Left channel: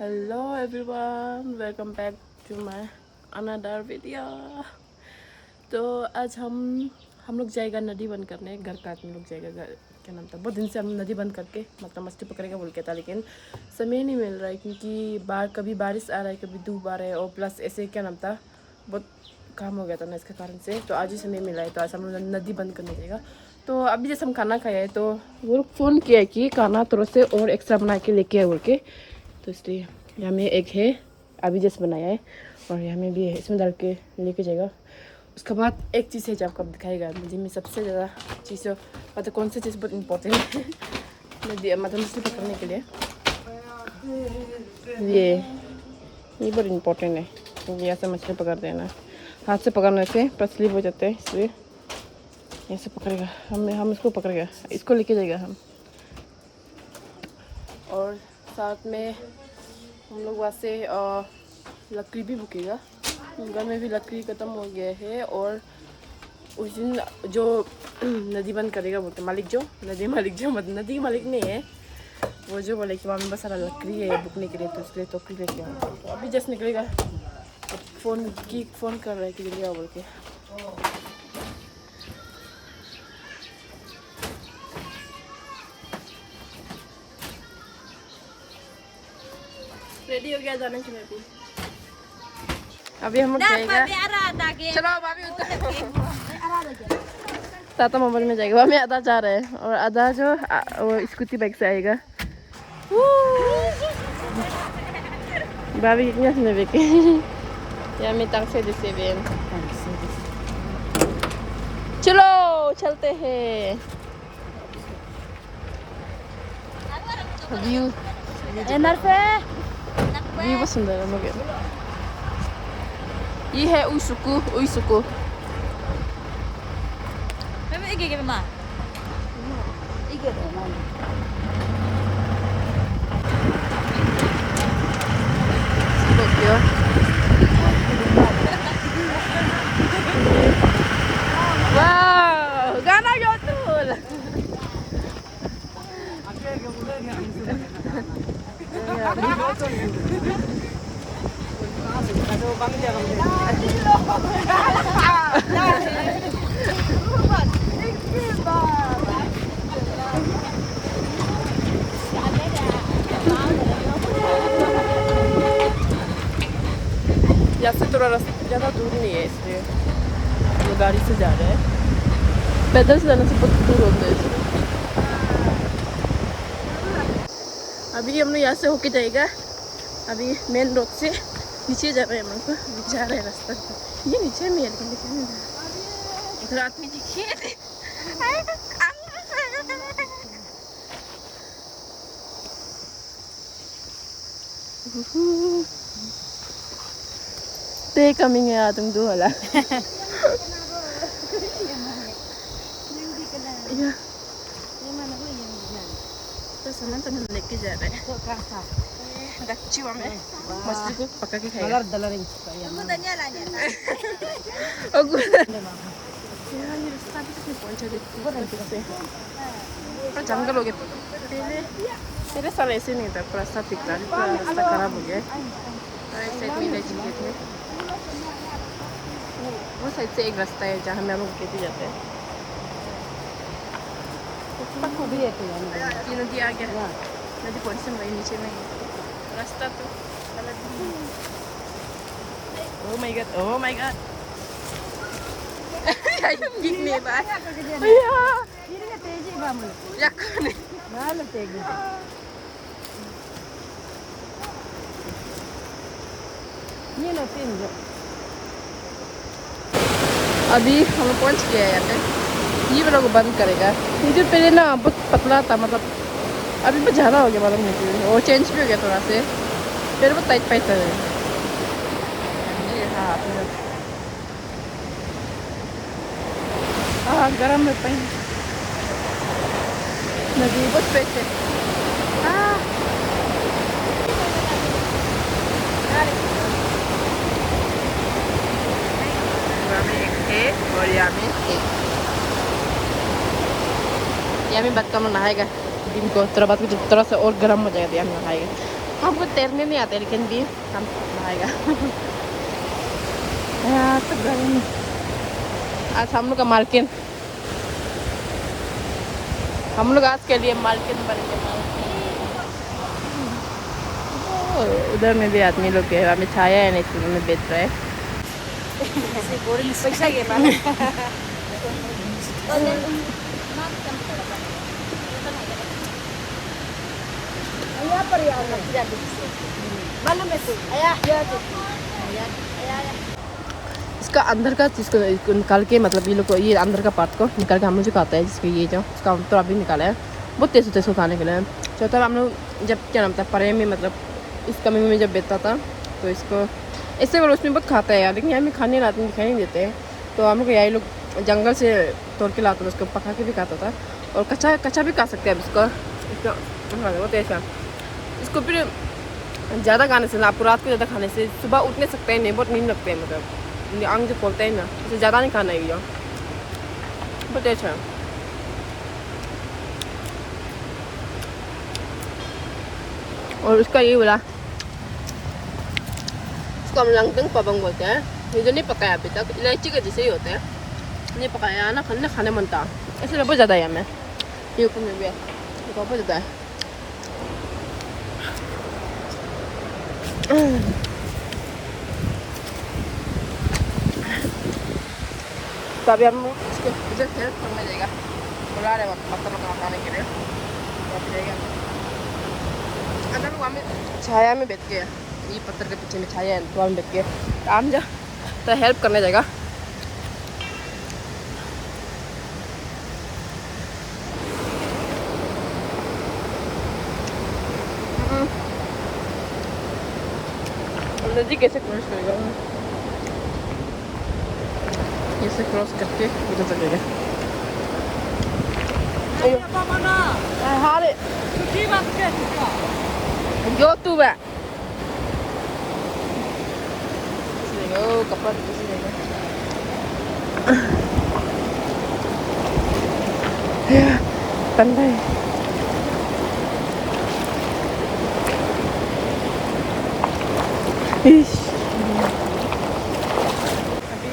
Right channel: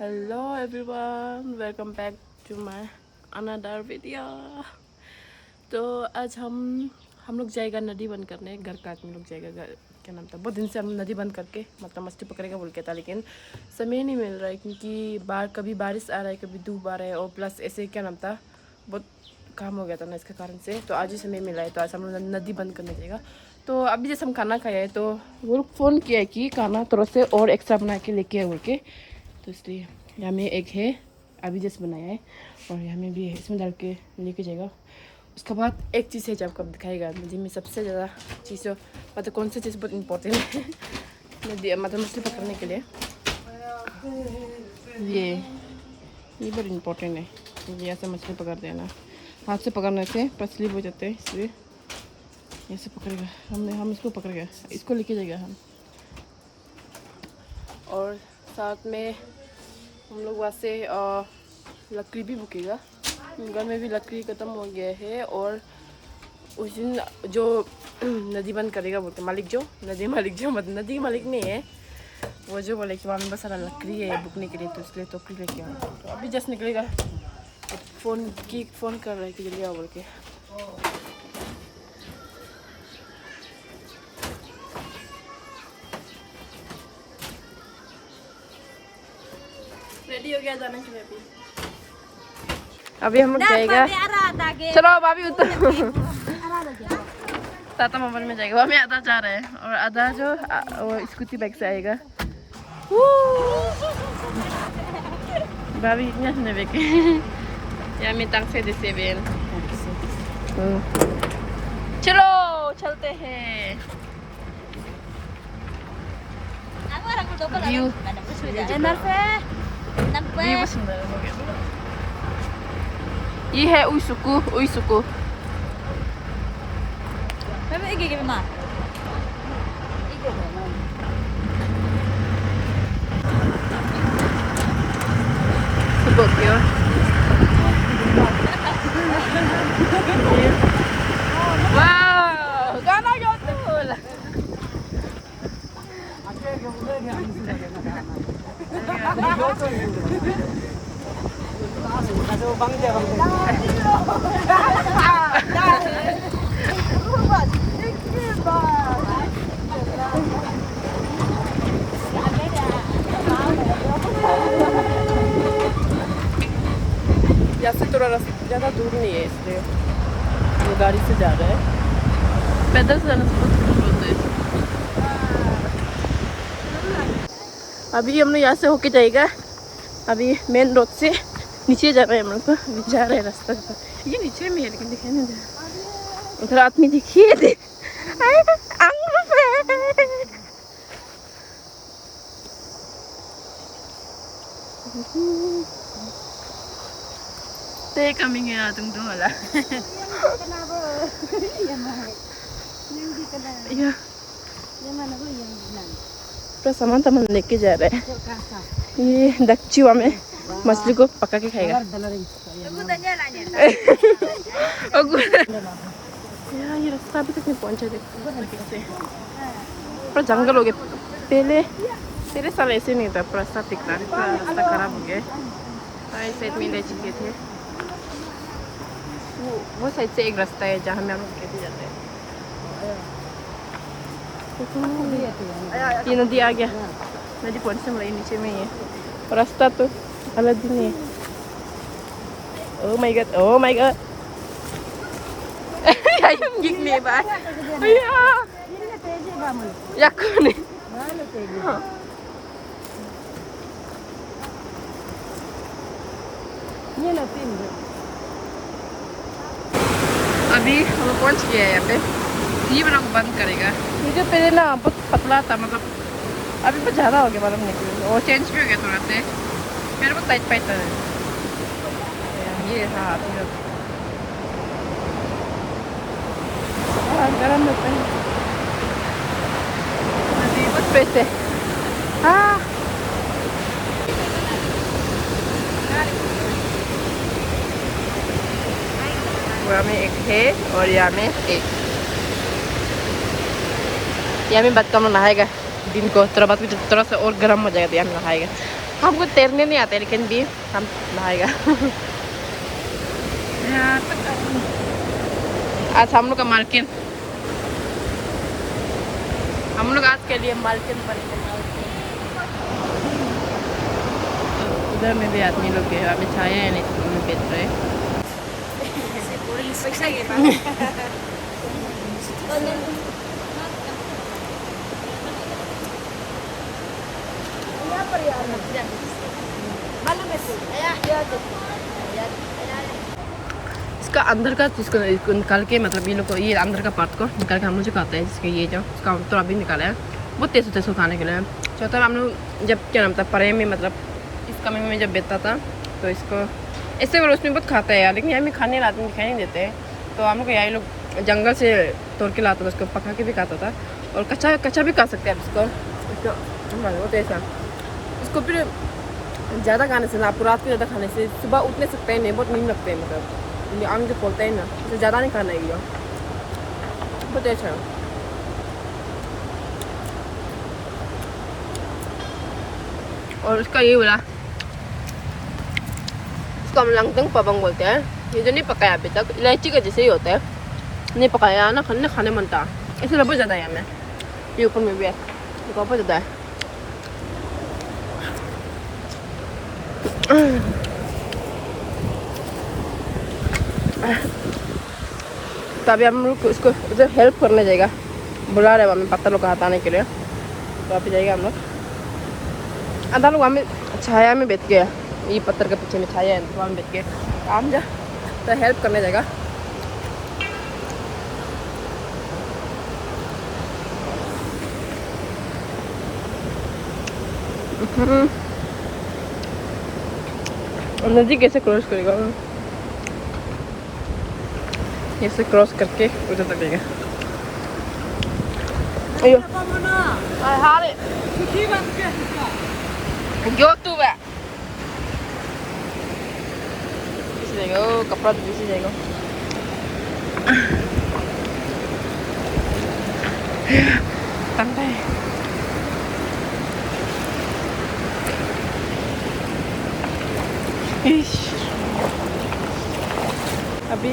Hello everyone, welcome back to my another video. तो आज हम लोग जाएगा नदी बंद करने। घर का आदमी लोग जाएगा। घर क्या नाम था, बहुत दिन से हम नदी बंद करके मतलब मछली पकड़ेगा बोल के था, लेकिन समय नहीं मिल रहा है क्योंकि कभी बारिश आ रहा है, कभी धूप आ रहा है, और प्लस ऐसे क्या नाम था, बहुत काम हो गया था ना, इसके कारण से। तो आज ही समय मिला है, तो आज हम लोग नदी बंद करने जाएगा। तो अभी जैसे हम खाना खाया है तो वो लोग फ़ोन किया है कि खाना थोड़ा से और एक्स्ट्रा बना के लेके आए बोल के। तो इसलिए यहाँ में एक है, अभी जैसे बनाया है, और यहाँ में भी है, इसमें डाल के लेके जाएगा। उसके बाद एक चीज़ है जो आपको दिखाएगा नदी में सबसे ज़्यादा चीज़, मतलब कौन सी चीज़ बहुत इंपॉर्टेंट है नदी मतलब मछली पकड़ने के लिए। ये बहुत इंपॉर्टेंट है। ये ऐसे मछली पकड़ते हैं ना, हाथ से पकड़ने से स्लिप हो जाते हैं, इसलिए ऐसे पकड़ेगा। हम इसको पकड़ेगा, इसको लेके जाएगा हम। और साथ में हम लोग वहाँ से लकड़ी भी बुकेगा। घर में भी लकड़ी ख़त्म हो गया है, और उस दिन जो नदी बंद करेगा बोलते मालिक, जो नदी मालिक नहीं है, वो जो बोले कि वहाँ में बहुत सारा लकड़ी है बुकने के लिए, तो इसलिए टोकरी लेके आओ। तो अभी जस्ट निकलेगा, तो फ़ोन कर रहा है कि जल्दी आओ बोल के। रेडी हो गया जाने के लिए। अभी हम लोग जाएगा। चलो भाभी उतर। ताता मोबाइल में जाएगा, हमें आधा जा रहे हैं, और आधा जो वो स्कूटी बाइक से आएगा। भाभी कितने सुने देखे या मैं तंग से देसे बेन। चलो चलते हैं। व्यू बहुत सुंदर है। ये है उइसुकु। यहाँ से थोड़ा रास्ता ज़्यादा दूर नहीं है, इसलिए हम गाड़ी से जा रहे हैं। पैदल से जाने से बहुत दूर होता है। अभी हम लोग यहाँ से होके जाएगा। अभी मेन रोड से नीचे जा रहे हैं, हम लोग को जा रहे हैं रास्ता। ये नीचे में है, लेकिन दिखाई नहीं जा। उधर आदमी दिखिए दे। Thế kami nga atong duha lang. Iya. तो सामान सामान लेके जा रहे हैं। ये दक्षिवा में मछली को पका के खाएगा। ये रास्ता अभी तक नहीं पहुंचा दे से। पर जंगल हो गए। पहले साल ऐसे नहीं था, रास्ता ठीक था, रास्ता खराब हो गया। इस साइड में ले चुके थे। वो साइड से एक रास्ता है जहाँ में हम लेके जाते हैं। ये नदी आ गया। नदी पहुँचने वाली नीचे में है, रास्ता तो अलग ही है। Oh my God gini ba? Iya. Ya kuni. ये ना तीन। अभी हम पहुंच गए हैं यहाँ पे। ये वाला को बंद करेगा। मुझे पहले ना बहुत पतला था, मतलब अभी बहुत ज़्यादा हो गया, मतलब मुझे वो चेंज भी हो गया थोड़ा से, फिर वो टाइट पे था। ये हाँ अपने गरम लगता है। नदी बहुत पैसे यहाँ में एक है, और यहाँ में एक। यहाँ में बाद का हम नहाएगा दिन को, थोड़ा बाद थोड़ा सा और गर्म हो जाएगा, यहाँ नहाएगा। हमको तैरने नहीं आते लेकिन भी हम नहाएगा। आज हम लोग का मालकिन, हम लोग आज के लिए मालकिन बनेंगे। मालकिन उधर में भी आदमी लोग है, हमें छाया है नहीं में बेच रहे हैं। पैसा के पास पर यार इसका अंदर का इसको निकाल के, मतलब ये लोग को ये अंदर का पार्ट को निकाल के हम लोग खाता है, जिसके ये जो इसका तो अभी निकाला है। बहुत तेज खाने के लिए। तो तब हम लोग जब क्या नाम था परे में, मतलब इस कमी में जब बेचता था तो इसको ऐसे वाले उसमें बहुत खाता है यार, लेकिन यहाँ में खाने लाते दिखाई नहीं देते। तो हम लोग यही लोग जंगल से तोड़ के लाता था, उसको पका के भी खाता था और कच्चा कच्चा भी खा सकते हैं। अब इसको बहुत ऐसा, इसको फिर ज़्यादा खाने से ना, आपको रात को ज़्यादा खाने से सुबह उठ नहीं सकते हैं, नहीं बहुत नींद लगते हैं, मतलब आंग जो खोलते हैं ना, उसे ज़्यादा नहीं खाना है भैया। बहुत अच्छा है। और उसका ये बोला, इसको हम लंगतंग पबंग बोलते हैं। ये जो नहीं पकाया अभी तक, इलायची का जैसे ही होता है, नहीं पकाया ना, खाने मनता ऐसे बहुत ज़्यादा है हमें। ये ऊपर में भी है, बहुत ज़्यादा है। अभी हम लोग उसको उधर हेल्प करने जाएगा, बुला रहे हमें पत्थर लोग हटाने के लिए। तो आप जाएगा हम लोग, आधा लोग हमें छाया में बैठ गया, ये पत्थर के पीछे में छाया है तो हम बैठ गए। तो हम जा तो हेल्प करने जाएगा। और नदी कैसे क्रॉस करेगा, ऐसे क्रॉस करके उधर तक जाएगा। जो तू है कपड़ा तो किसी जाएगा। अभी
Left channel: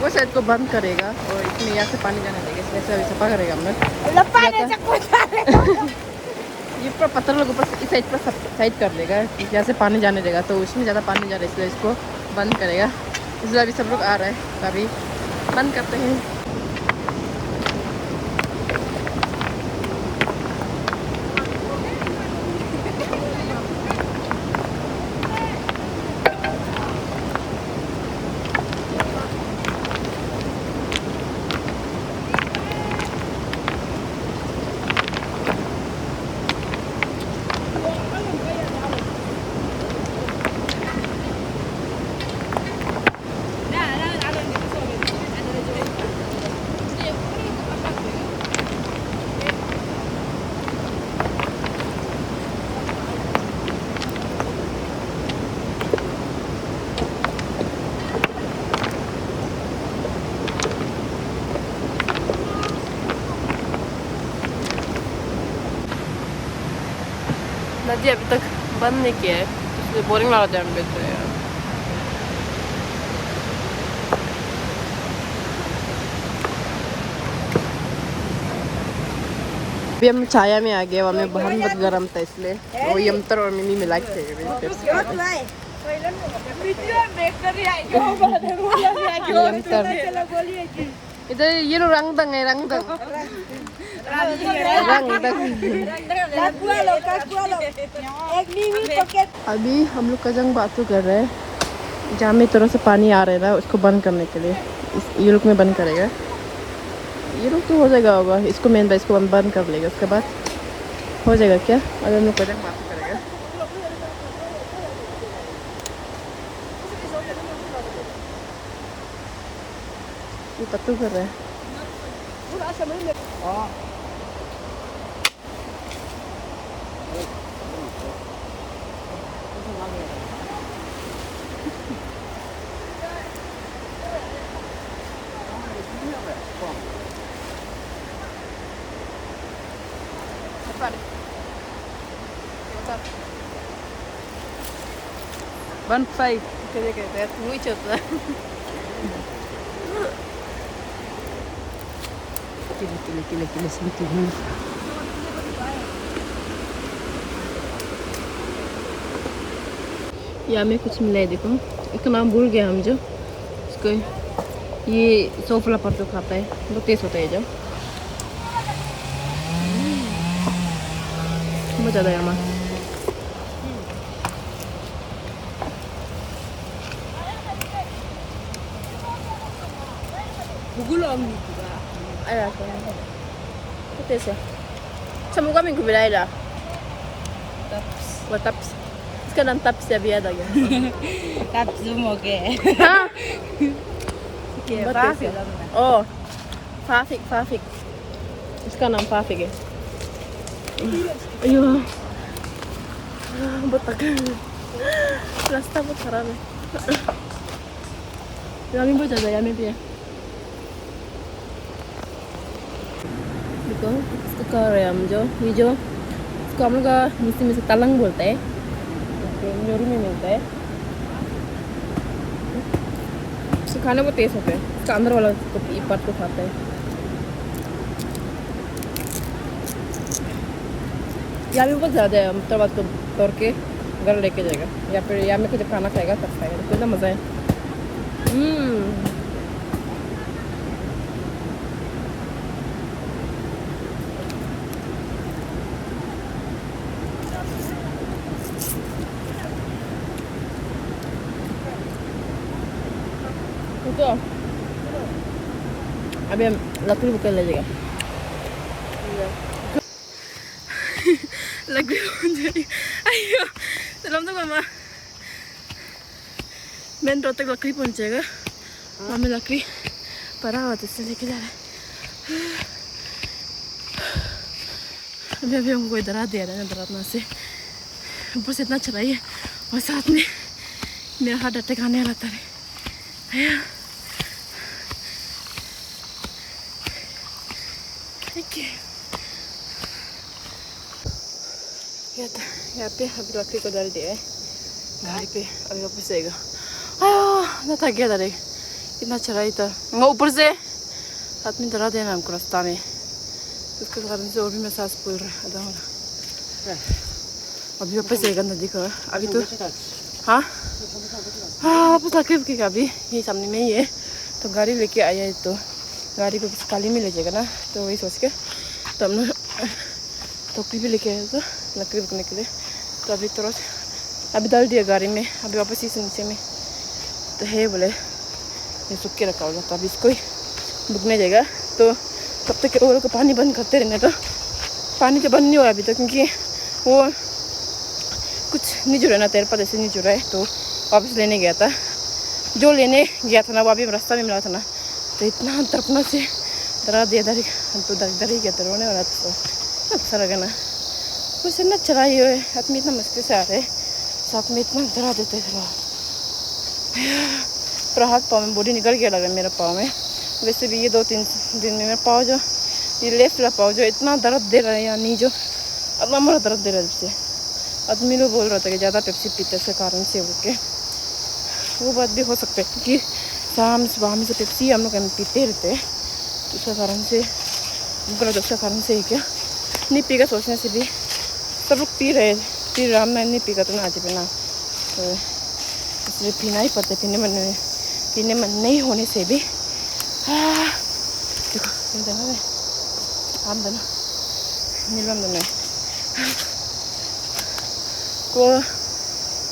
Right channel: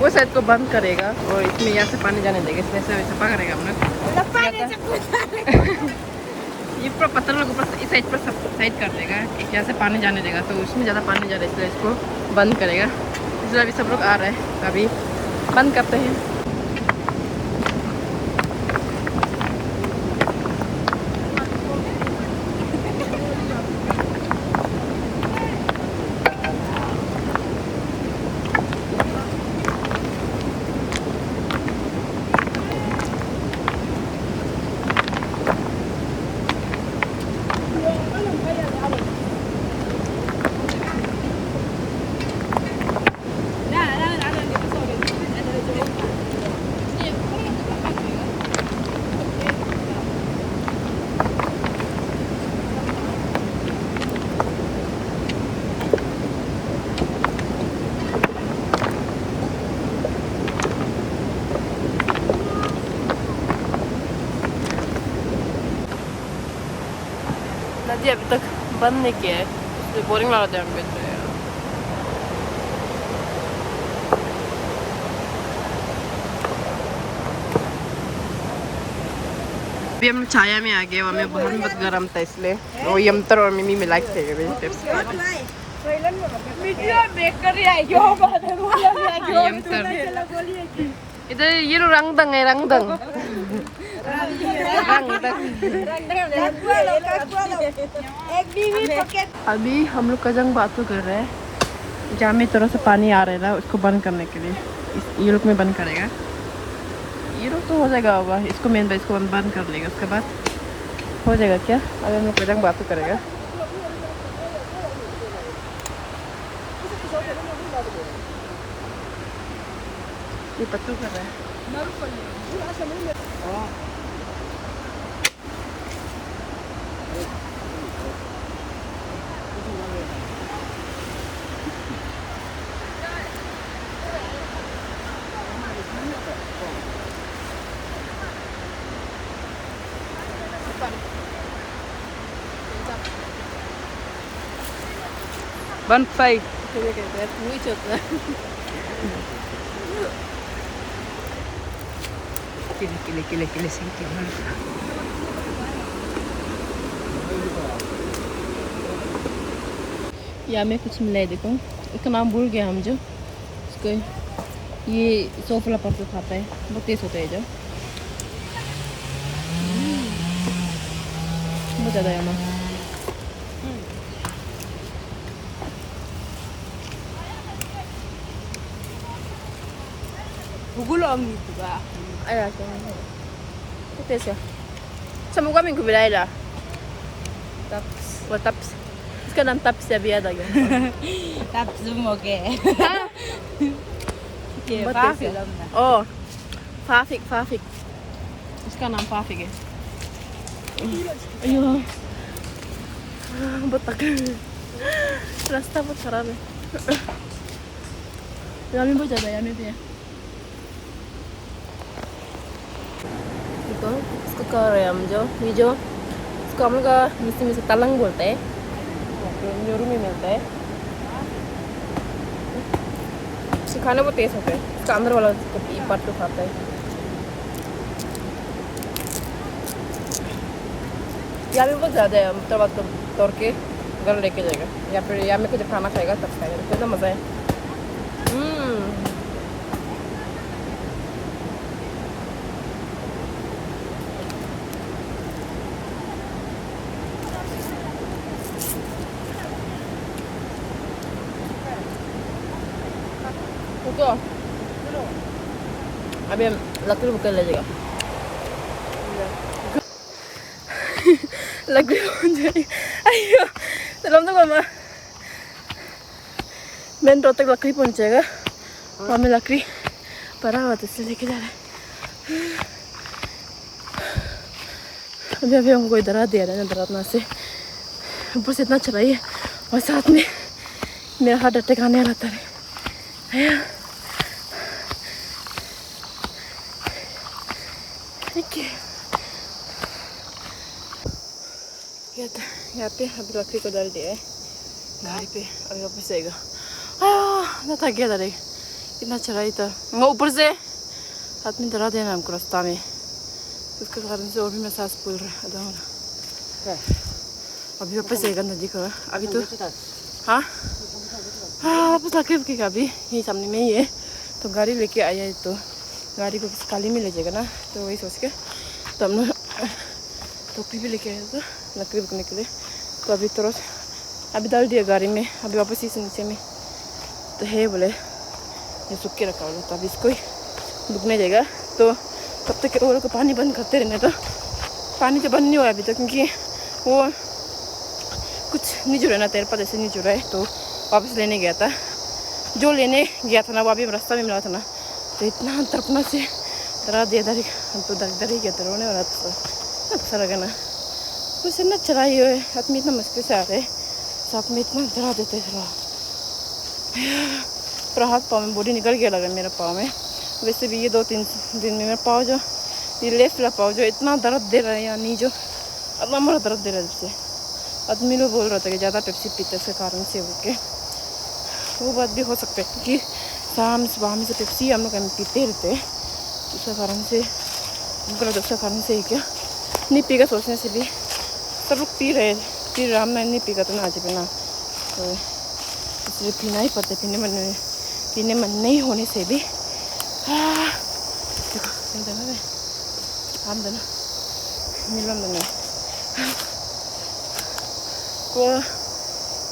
वो साइड को बंद करेगा और इसमें यहाँ से पानी जाने देगा, इसमें से सफा करेगा हम लोग। ये पूरा पत्थर लोग ऊपर इस साइड पर साइड कर देगा, यहाँ से पानी जाने देगा, तो उसमें ज़्यादा पानी जा रहा है इसलिए इसको बंद करेगा। इसलिए अभी सब लोग आ रहे हैं, तो अभी बंद करते हैं। नदी अभी तक बंद नहीं किया है, इसलिए बोरिंग लगा है हम बैठे हैं। अभी हम छाया में आ गए, हमें बहुत गर्म था इसलिए वो यंत्र और मिमी मिला के इधर ये लो रंगदंग है, रंगदंग। अभी हम लोग कजंग बातू कर रहे हैं, जहाँ में थोड़ा सा पानी आ रहा है उसको बंद करने के लिए ये लोग में बंद करेगा। ये लोग तो हो जाएगा होगा, इसको मेन बेस को बंद कर लेगा, उसके बाद हो जाएगा क्या। अगर मैं कजंग बातू करेगा ये पत्तू कर रहे हैं। 1.5. Kaya kaya WeChat lah. Kile sini. यहाँ में कुछ मिला है देखो, इसका नाम भूल गया हम जो इसको। ये सोफला पर जो खाता है बहुत टेस्ट होता है जो बहुत ज़्यादा यहाँ Gulong juga. ayah kan बहुत टेस्ट है। समूह का मिंकु बिलाई ला वो taps इसका नाम taps है भी याद आ गया। Taps semua ke. हाँ Ke बहुत apa? टेस्ट है। ओ फाफिक इसका नाम फाफिक है। अयो बहुत तक रास्ता बहुत खराब है। यहाँ बहुत ज़्यादा यहाँ भी है। देखो इसको कह रहे हैं हम जो ये जो इसको हम लोग का मिस्त्री में से तलंग बोलते हैं, न्योरू में मिलता है। इसके खाने बहुत टेस्ट होते हैं। इसका अंदर वाला एक पार्ट तो खाता है। यहाँ भी बहुत ज़्यादा है। हम तब को तोड़ के घर लेके जाएगा या फिर यहाँ में जब खाना खाएगा तब खाएगा। कितना मज़ा है। रुको अभी हम लकड़ी बुक कर लीजिएगा। लकड़ी पहुंच अयो चलो तो मामा मेन रोड तक लकड़ी पहुंचेगा। वहाँ में लकड़ी पड़ा हुआ तो इसलिए लेके जा रहे हैं। अभी हमको इधर आ दिया है डरावना से ऊपर से इतना चलाइए और साथ में मेरा हार्ट अटैक आने वाला था। यहाँ पे अभी लकड़ी को डाल दिया है गाड़ी पे। अभी वापस जाएगा। ना थक गया था रे इतना चढ़ाई था। ऊपर से आदमी डरा देना हमको रास्ता में तो उसके कारण से और भी मैं सांस फूल रहा आधा होगा। अभी वापस जाएगा नदी का। अभी तो हाँ वापस लकड़ी रुकेगा। अभी यही सामने में ही है तो गाड़ी लेके आया है तो गाड़ी को किसी काली में ले जाएगा ना तो वही सोच के तो हम टोकरी भी लेके आया था लकड़ी रुकने के लिए। तो अभी तो अभी डाल दिया गाड़ी में। अभी वापस इस नीचे में तो है बोले ये सूख के रखा होगा तो अभी इसको ही रुकने जाएगा। तो तब तक वो लोग को पानी बंद करते रहने। तो पानी तो बंद नहीं हुआ अभी तक क्योंकि वो कुछ नहीं जुड़ा ना तेरे पर ऐसे नहीं जुड़ा है तो वापस लेने गया था। जो लेने गया था ना वो अभी रास्ता में मिला था ना तो इतना तड़पना से डरा दिया डर हम तो डर ही गया था रोने वाला तो अच्छा लगा ना। कुछ इतना चढ़ाई हुए आदमी इतना मुश्किल से आ रहे साथ में इतना डरा देते फिर पूरा हाथ पाँव में बॉडी निकल गया लगा मेरा पाँव में। वैसे भी ये 2-3 दिन में पाँव जो ये लेफ्ट वाला पाँव जो इतना दर्द दे रहा है या नहीं जो अब हमारा दर्द दे रहा है जैसे आदमी लोग बोल रहा था कि ज़्यादा पेप्सी पीते के कारण से बोल के वो बात भी हो सकता है क्योंकि शाम सुबह में से पेप्सी हम लोग पीते रहते हैं उसके कारण से हमको लगता है उसका कारण से ही क्या नहीं पीगा सोचने से भी सब लोग पी रहे फिर राम मैं नहीं पीगा तो ना आज पे ना तो इसलिए पीना ही पड़ता है। पीने मन नहीं होने से भी देखो देना आम देना नीलम देना को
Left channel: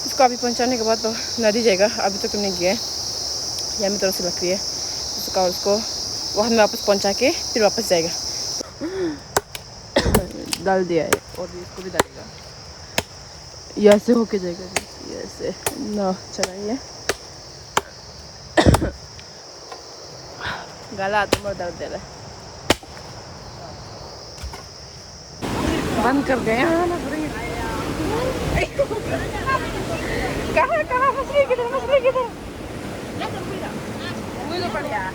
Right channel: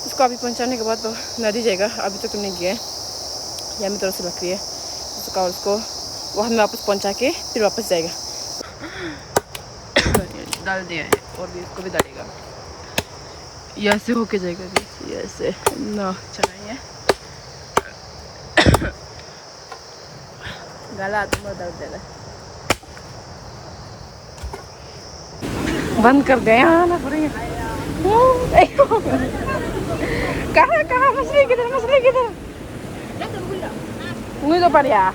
इसको अभी पहुंचाने के बाद तो नदी जाएगा। अभी तक तो नहीं गया है यहाँ में तरफ से लकड़ी है उसका उसको वहाँ में वापस पहुंचा के फिर वापस जाएगा। डाल दिया है और भी इसको भी डालेगा। ये ऐसे होके जाएगा ये ऐसे ना चलाइए गला तुम्हारा दर्द दे रहा बंद कर गए हाँ ना पूरी कहाँ मछली किधर Uy, lo para allá.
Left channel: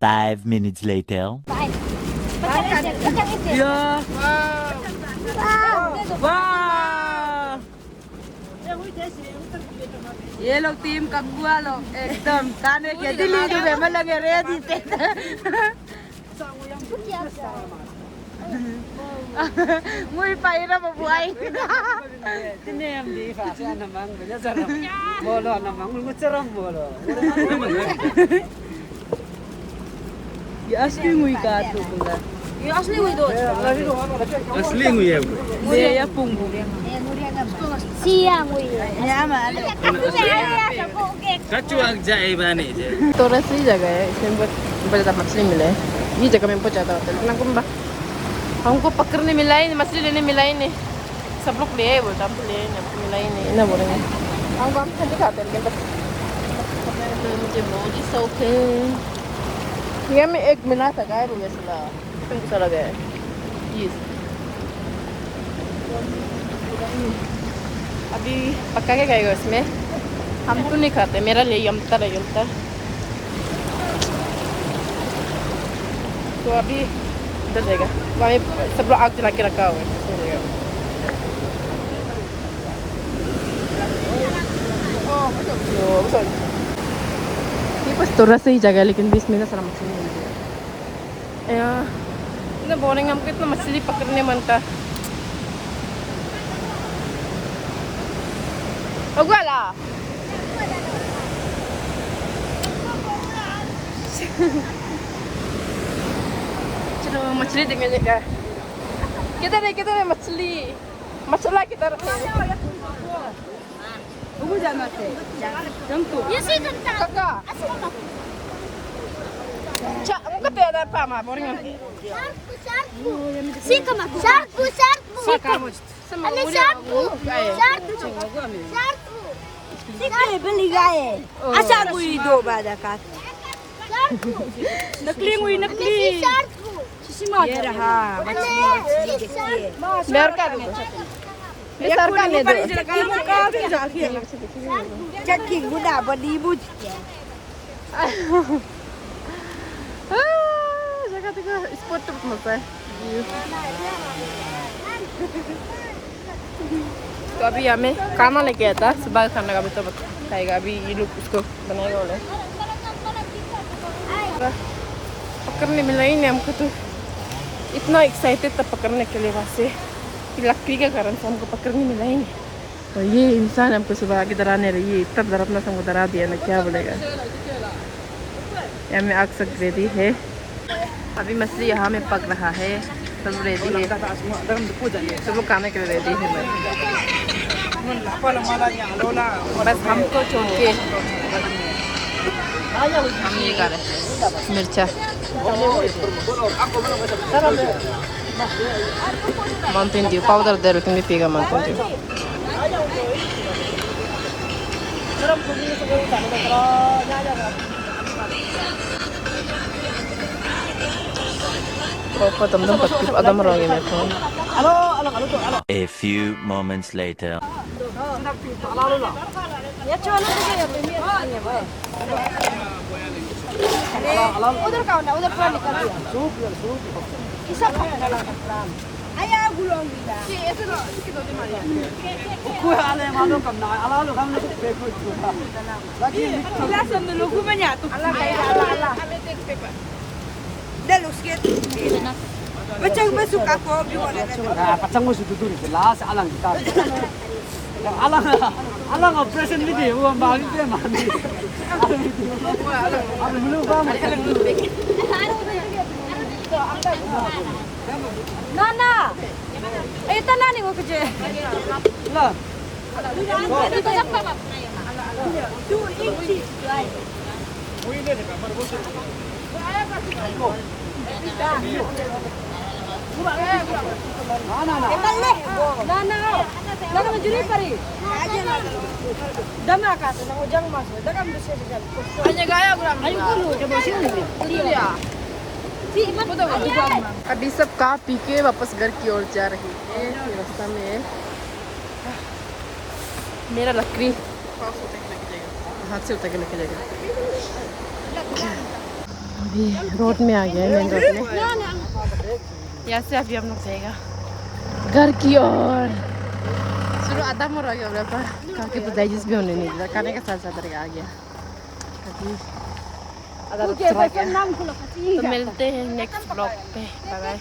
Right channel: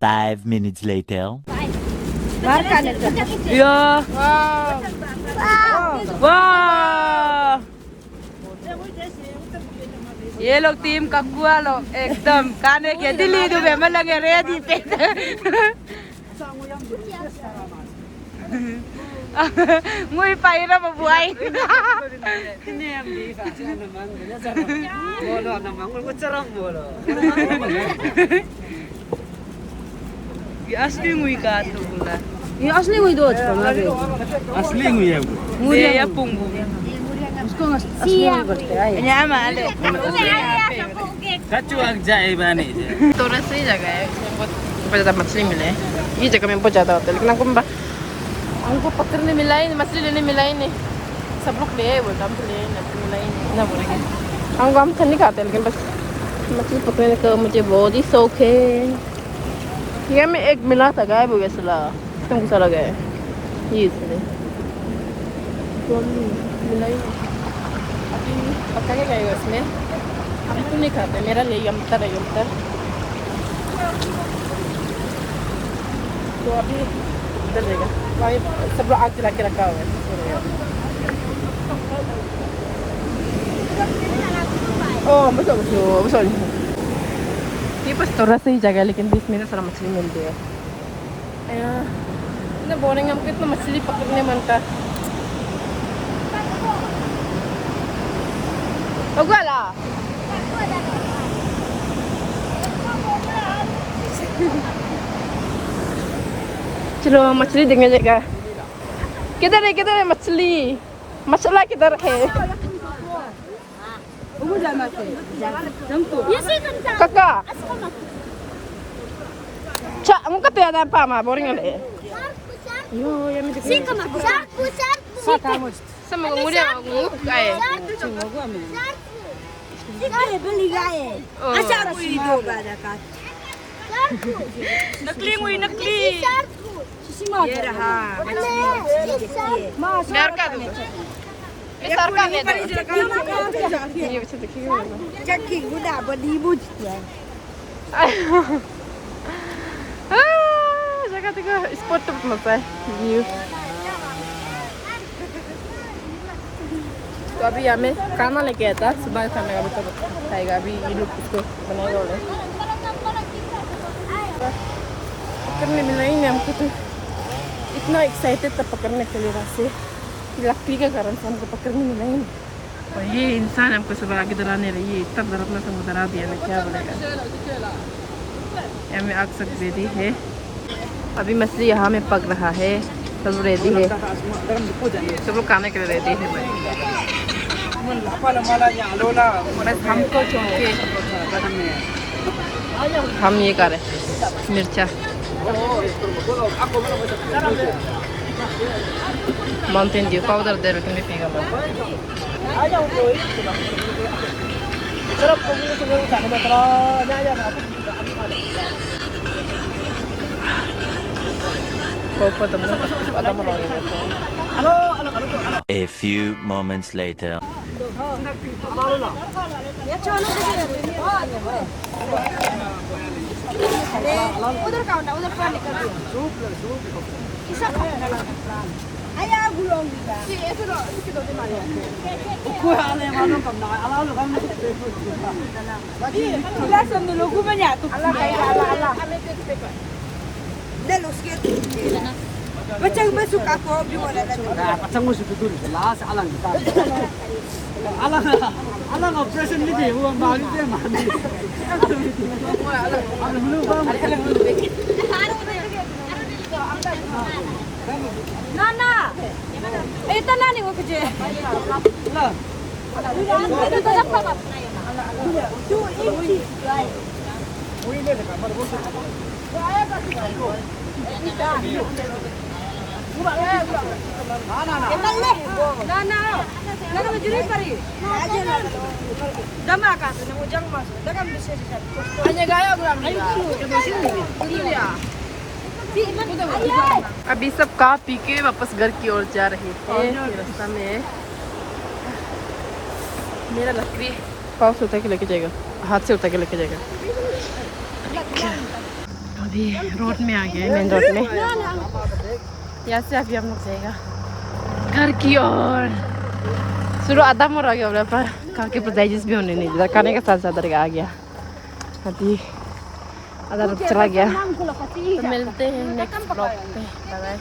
5 minutes later. Yeah. वाह ये लोग टीम ककुआ लोग एकदम खाने के दिल्ली दुबे में लगे रेडी पे मुई पाइरा बबुआई ये असली मुई का तो बोला ये असली मुई दो Asli ngu ya bu. ये या पुंगु यहाँ माले Kacu jahe bani je. तो रसी जगह है हमको ज्यादा मछली मिले ये जगह में बहुत ज्यादा होता है लेकिन हमको पकड़ने मिला ही नहीं मछली लेने मिला ही नहीं सब लोग ले आए बोलते हम तो ले आए नहीं हमको मिला ही नहीं ना बोलेंगे हम तो नहीं खाते तो मुझे बहुत ही शौक है ये में एक मिला था गायब हो गया सला कौन सा लगा ये इसलिए अभी पक्का क्या कहेगा इसमें हम तो नहीं खाते मेरा ले यमतर है यमतर तो अभी इधर जाएगा वहाँ सब लोग आग जला के रखा हुआ है ये बस थोड़ा सा ही जगह है लेकिन बीच में ना सारा मछली मिलती है यार इतना बोरिंग हमको इतना मछली पकड़ने मनता Ogala. चलो मछली देंगे जगह किधर है मछली मछला किधर है उगु जाना से जंतु kakak cak muka tuh ada apa mah boring ada yo ya mi sih kamu kamu sama muda aku kayak cuma gua ambil Sikaye beli gaye. अच्छा कोई दो बाजा का नकली मुई नकली ये रहा डर का सरकार ने चक्की गुड़ा बड़ी बुझ जगह देखो स्पॉट तो मस्त है व्यू तो अभी हमें खाना लेके आया था सुबह खाना का भी तो खाएगा अभी ये लोग उसको बनाएगा बोले पकड़ने मिला ही नहीं हमको तो इतना एक्साइटेड था पकड़ने के लिए वहाँ से लकड़ी के कारण से हमको पकड़ने मिला ही नहीं ये इंसान हमको सुबह आगे डराने रही है तब डरने से हमको डरा दिया मैं क्या बोलेगा यहाँ में आग सब रेडी है अभी मछली यहाँ में पक रहा है सब रेडी है सब लोग खाने के लिए रेडी है बस हमको छोड़ के हम ये कर रहे मिर्चा माउंटेन ड्यू पाउडर दे रहे थे पीगा mountain A few moments later. उधर का उधर पर निकल किसा आया गुलों बिगा ऐसे ना कितो दे मारिया कोई आले मानो कम ना आला लो हम ला सब लोगों में या तो अल्लाह अल्लाह ले लो उसके Macam besok aku gimana? Kacang musuh itu dulu. Las alang kita. Alang operation ni dia. Uang bagi dia mana? Alang dulu bang. Nana. Ito na ni mo kerja. Lah. Ito tak apa. Nana. Nana majuri kari. Dama ka sa ujang mas. Dagang bisa dekat. Hanya gaya bulan अभी सब खा P के वापस घर की ओर जा रहे थे। रास्ता में मेरा लकड़ी पाँव से उतर के लेके जाएगा, हाथ से उतर के लेके जाएगा। अभी रोड में आ गया है, मेन रोड में। यहाँ से अभी हम लोग जाएगा घर की ओर। शुरू आधा मोड़ आ गया पर काके पर डाइजेस्ट भी होने नहीं दिया, खाने के साथ साथ आ गया। अभी चला गया। तो मिलते हैं नेक्स्ट ब्लॉग पे। Bye bye.